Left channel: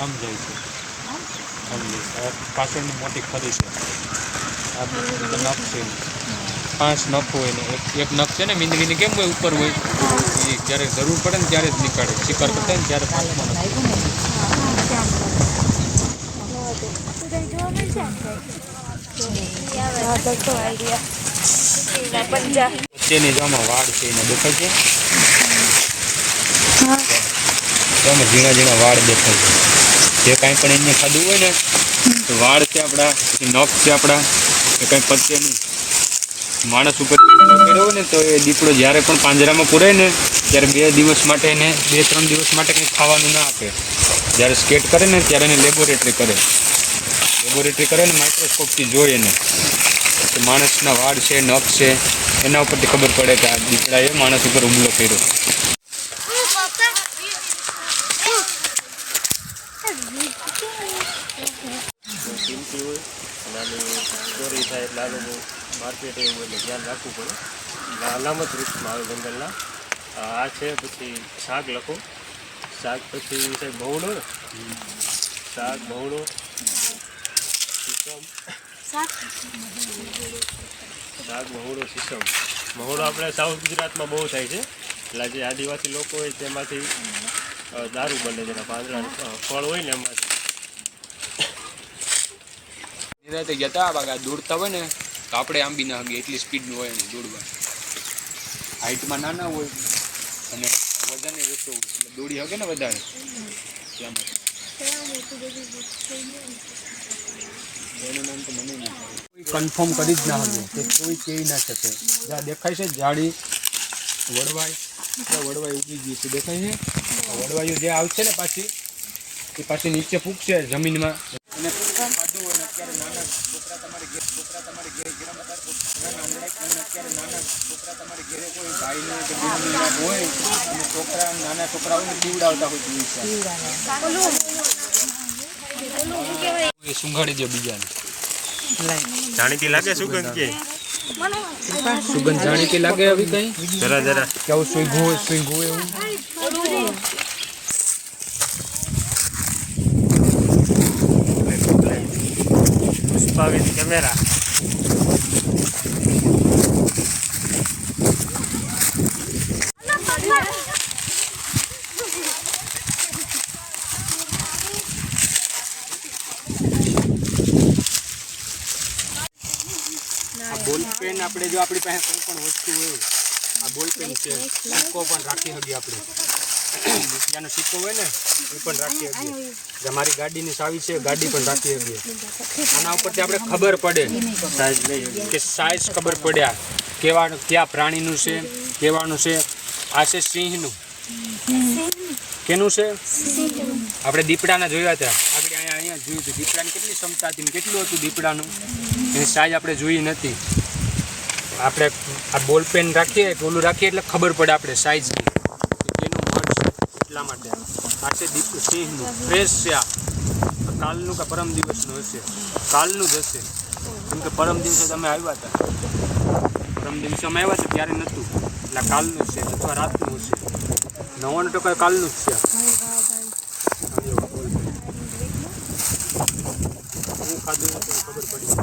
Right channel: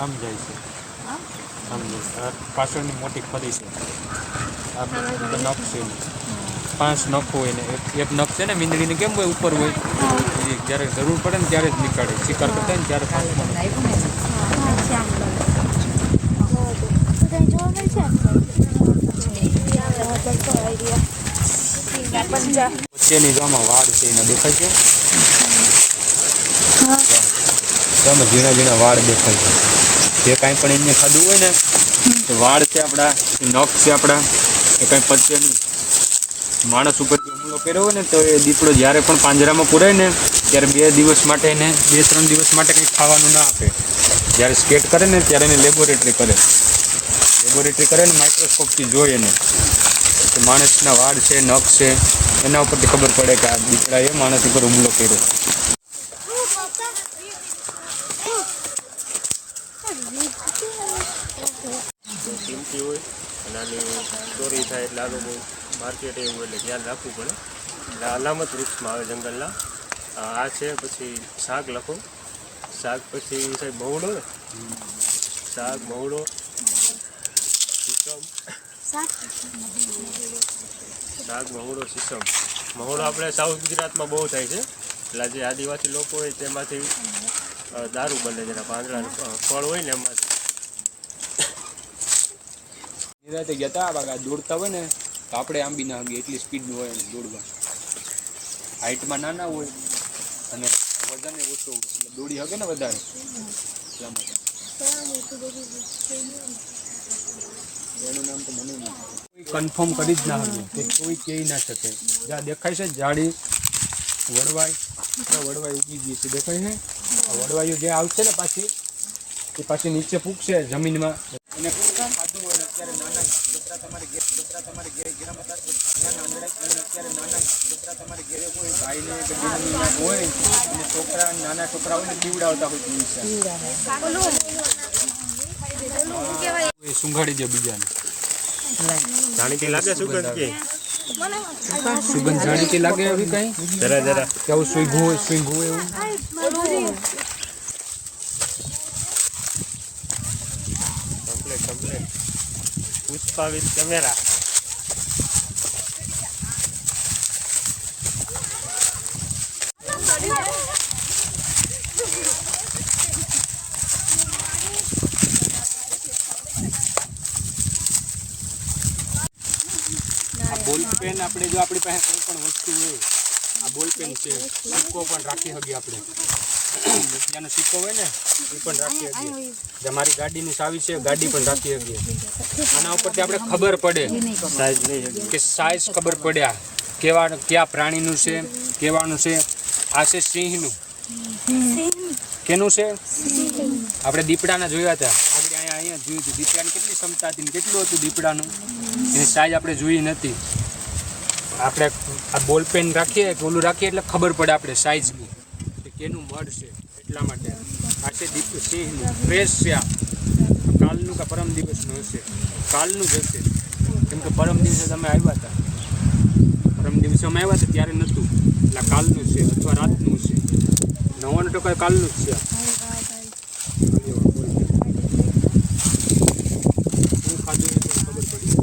આમ જાય છે પાછળની મોટી ખરી છે આ નખ છે 5 નખ હોય ને એક નખ છે ને મીંદવીને કેમ હોય ઉપર હોય એ જ્યારે જરૂર પડે ને ત્યારે જ નીકાળે શિકાર કરતા ને ત્યારે 5મો નખ વચ્ચેની જામાં વાડ છે એને દેખાય છે તમે ઝીણા ઝીણા વાળ દેખાય છે જે કાંઈ પણ એને ખાધું હોય ને તો વાળ છે આપણા નખ છે આપણા એ કાંઈ પચે નહીં માણસ ઉપર કર્યો હોય ને તો એ દીપડો જ્યારે પણ પાંજરામાં પૂરાય ને ત્યારે 2 દિવસ માટે એને 2-3 દિવસ માટે કંઈ ખાવાનું ના આપે જ્યારે સ્કેટ કરે ને ત્યારે એને લેબોરેટરી કરે ને માઇક્રોસ્કોપથી જોઈએ એને તો માણસના વાળ છે નખ છે એના ઉપરથી ખબર પડે કે આ દીપડાએ માણસ ઉપર હુમલો કર્યો કિંમતી હોય અને આની ચોરી થાય એટલે આ લોકો માર્કેટ એવું એટલે ધ્યાન રાખવું પડે એટલે અલામત વૃક્ષમાં આવે જંગલના આ છે પછી શાક લખો શાક પછી છે બહુડો ને શાક બહુડો શીશમ શાક મહુડો શીશમ મહુડો આપણે સાઉથ ગુજરાતમાં બહુ થાય છે એટલે જે આદિવાસી લોકો હોય તેમાંથી દારૂ બને જેના પાંદડા ફળ હોય ને એમાંથી નિરાતે ગયા હતા દોડતા હોય ને તો આપણે આંબી ના હગીએ એટલી સ્પીડનું હોય ને દોડવા હાઇટમાં નાના હોય અને વજન ઓછો એટલે દોડી હગે ને વધારે એટલા માટે એનું નામ તો મને નહીં કન્ફર્મ કરી જ ના હગે કે કોઈ કહી ના શકે જ્યાં દેખાય છે જાડી વડવાઈ ઉગી ગઈ છે દેખાય છે વડવાઈઓ જે આવશે ને એ પાછી નીચે ફૂંકશે જમીનમાં અને ખાધું હોય ને અત્યારે નાના છોકરા તમારી ઘેરે કોઈ ભાઈને કે બહેનના હોય અને નાના છોકરા હોય ને પીવડાવતા હોય એ સુંઘાડી દે બીજાને જાણીતી લાગે સુગંધ કે સુગંધ જાણીતી લાગે હવે કઈ જરા કેવું સુંઘવું એવું કેમેરા બોલપેન આપણે જો આપણી પાસે કોઈ પણ વસ્તુ હોય આ બોલપેન છે સિક્કો પણ રાખી શકીએ આપણે રૂપિયાનો સિક્કો હોય ને એ પણ રાખી શકીએ જે મારી ગાડીની ચાવી છે ગાડી પણ રાખી શકીએ આના ઉપરથી આપણે ખબર પડે કે સાઇઝ ખબર પડ્યા ક્યાં પ્રાણીનું છે કેવાનું છે આ છે સિંહનું કેનું છે આપણે દીપડાના જોયા હતા આપણે અહીંયા જોયું હતું દીપડાની કેટલી ક્ષમતા હતી કેટલું હતું દીપડાનું એની સાઈઝ આપણે જોઈ નથી આપણે આ બોલપેન રાખીએ કે ઓલું રાખીએ એટલે ખબર પડે આપણે સાઈઝની કે કેનું મધ છે એટલા માટે આ છે સિંહનું ફ્રેશ છે આ કાલનું કે પરમ દિવસનું હશે કાલનું જ હશે કેમ કે પરમ દિવસે તમે આવ્યા હતા પરમ દિવસે અમે આવ્યા હતા ત્યારે નહોતું એટલે કાલનું છે અથવા રાતનું હશે 99% કાલનું જ છે હું ખાધું નથી ખબર પડી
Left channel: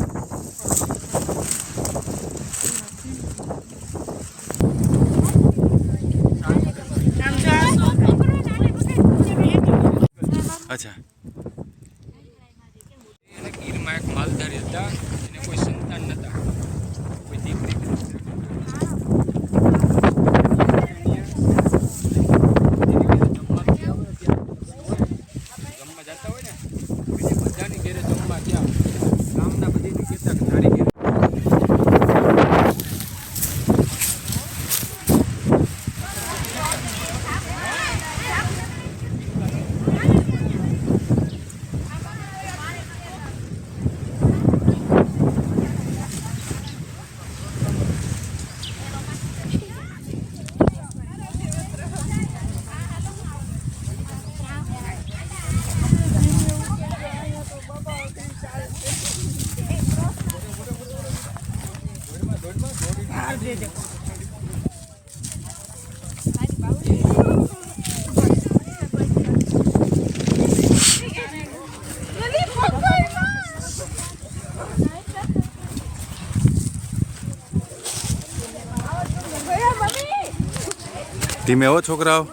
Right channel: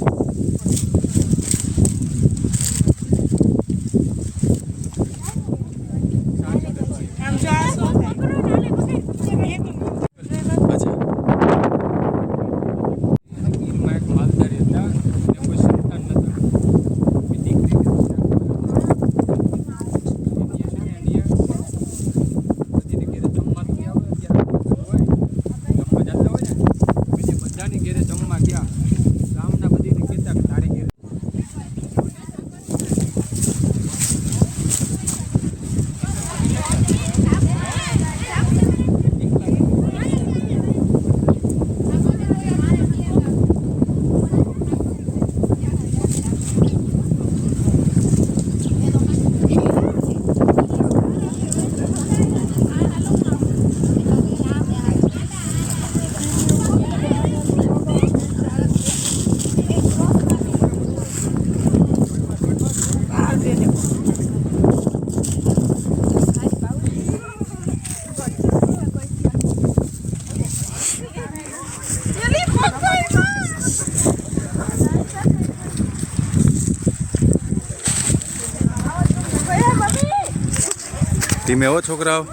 ધીમે હો છોકરાઓ.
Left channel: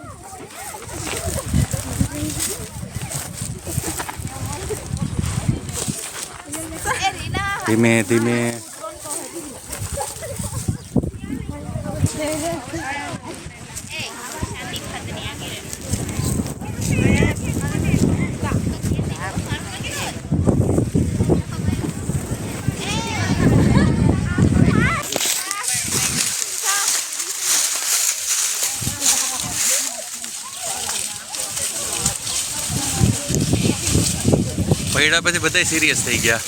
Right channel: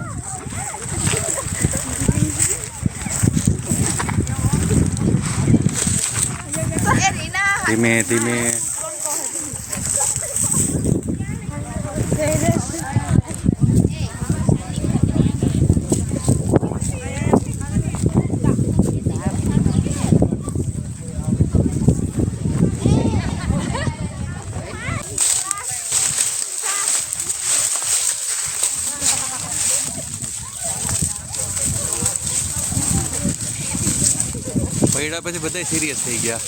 ધીમે ધીમે. પૈડા પછી બધા સિરિયસ થઈ ગયા.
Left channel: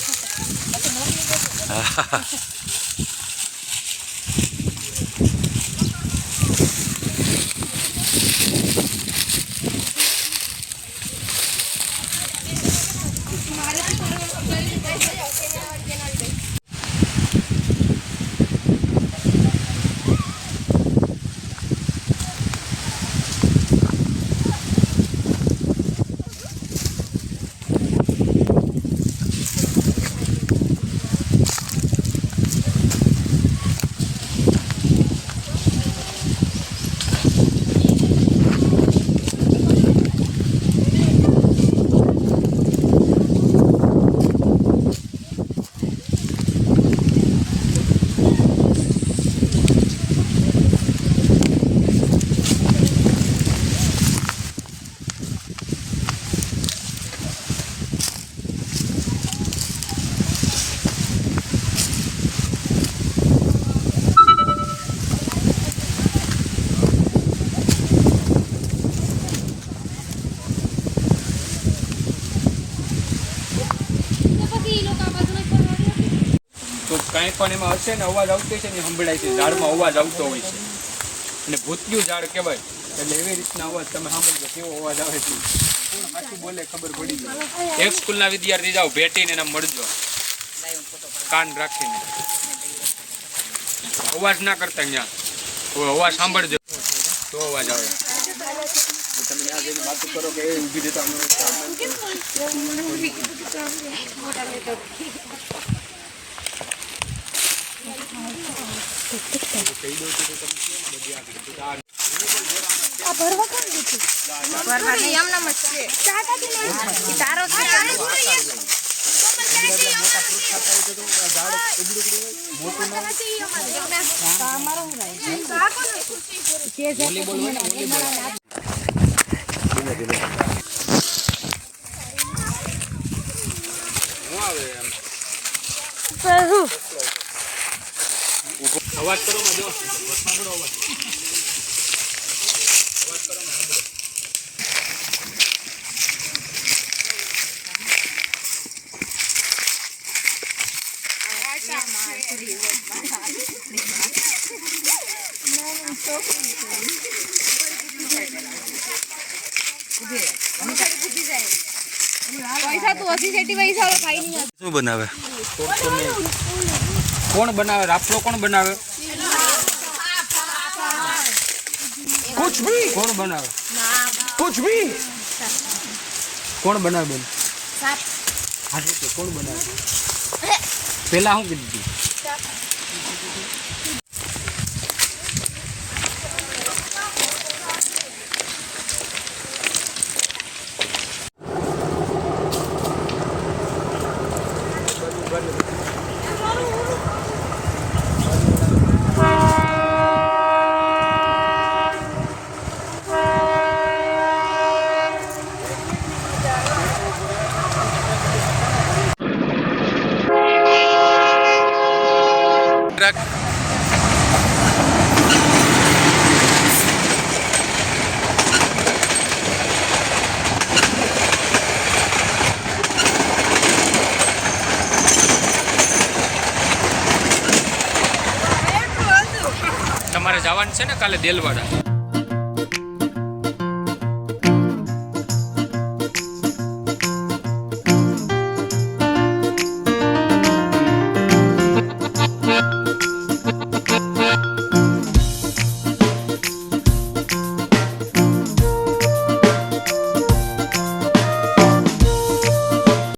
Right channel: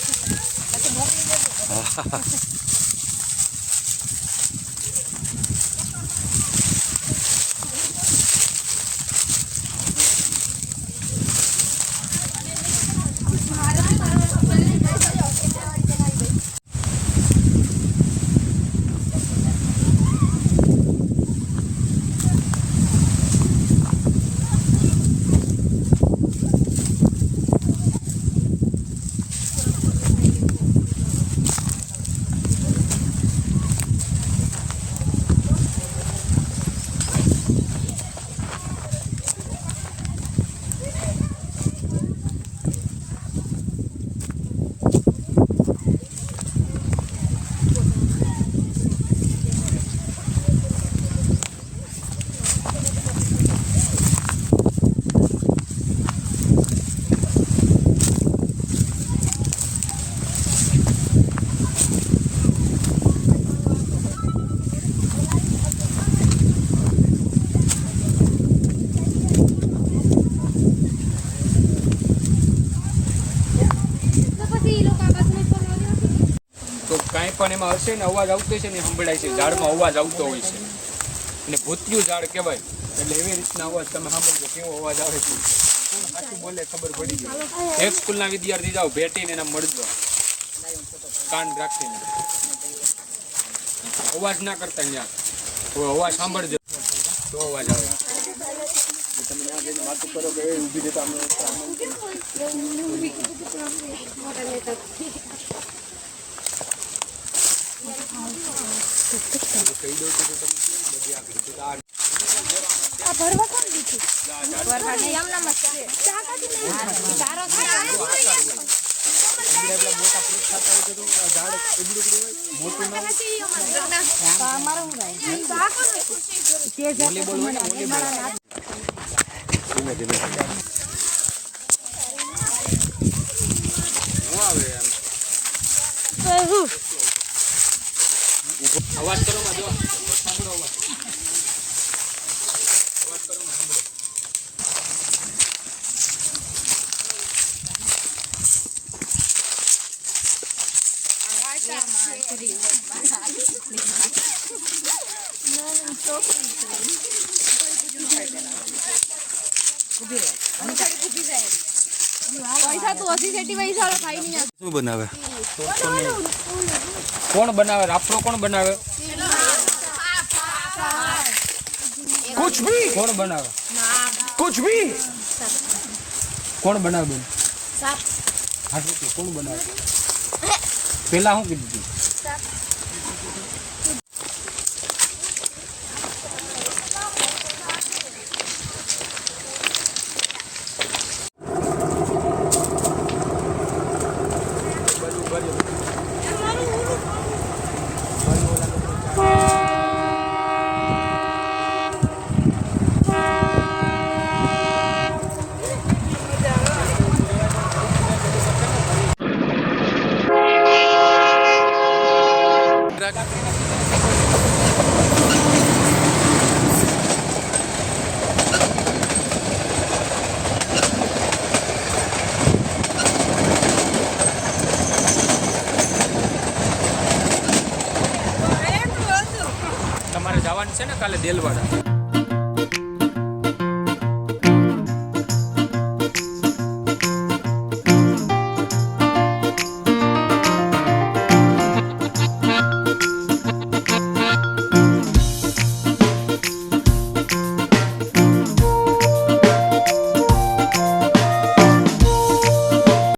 તો કાંઈ પણ એમાં હશે ને અવાજ આવતો છે ને સંભળાય છે, ઝાડમાં અવાજ આવતો હોય છે અને ભૂતિયું ઝાડ કહેવાય. એટલે એવી રીતના અવાજ તમે સાંભળજો કેવો અવાજ આવે છે. સાચું બોલે ખબર પડી ગઈ. એક સ્કૂલના વિદ્યાર્થી જાઓ ભેટીને એના મળજો કાન રાખીને, અવાજ ના કરતા ત્યાં અવાજ સાંભળજો તો અવાજ આવે. તમે ત્યાં જઈને વાતો કરો કે એ ઊભી રહેતા અવાજ કરો માં જો સાંભળો અવાજ કરો માં સાંભળો. શું બનાવે? કોણ બનાવે? રાફડો કોણ બનાવે? कुछ भी कौन बनावे? कुछ भी कौन बनावे बेन? हाँ तो कौन बनावे? पहला हूँ कितनी તમારે જવાનું છે ને કાલે દેલવાડા?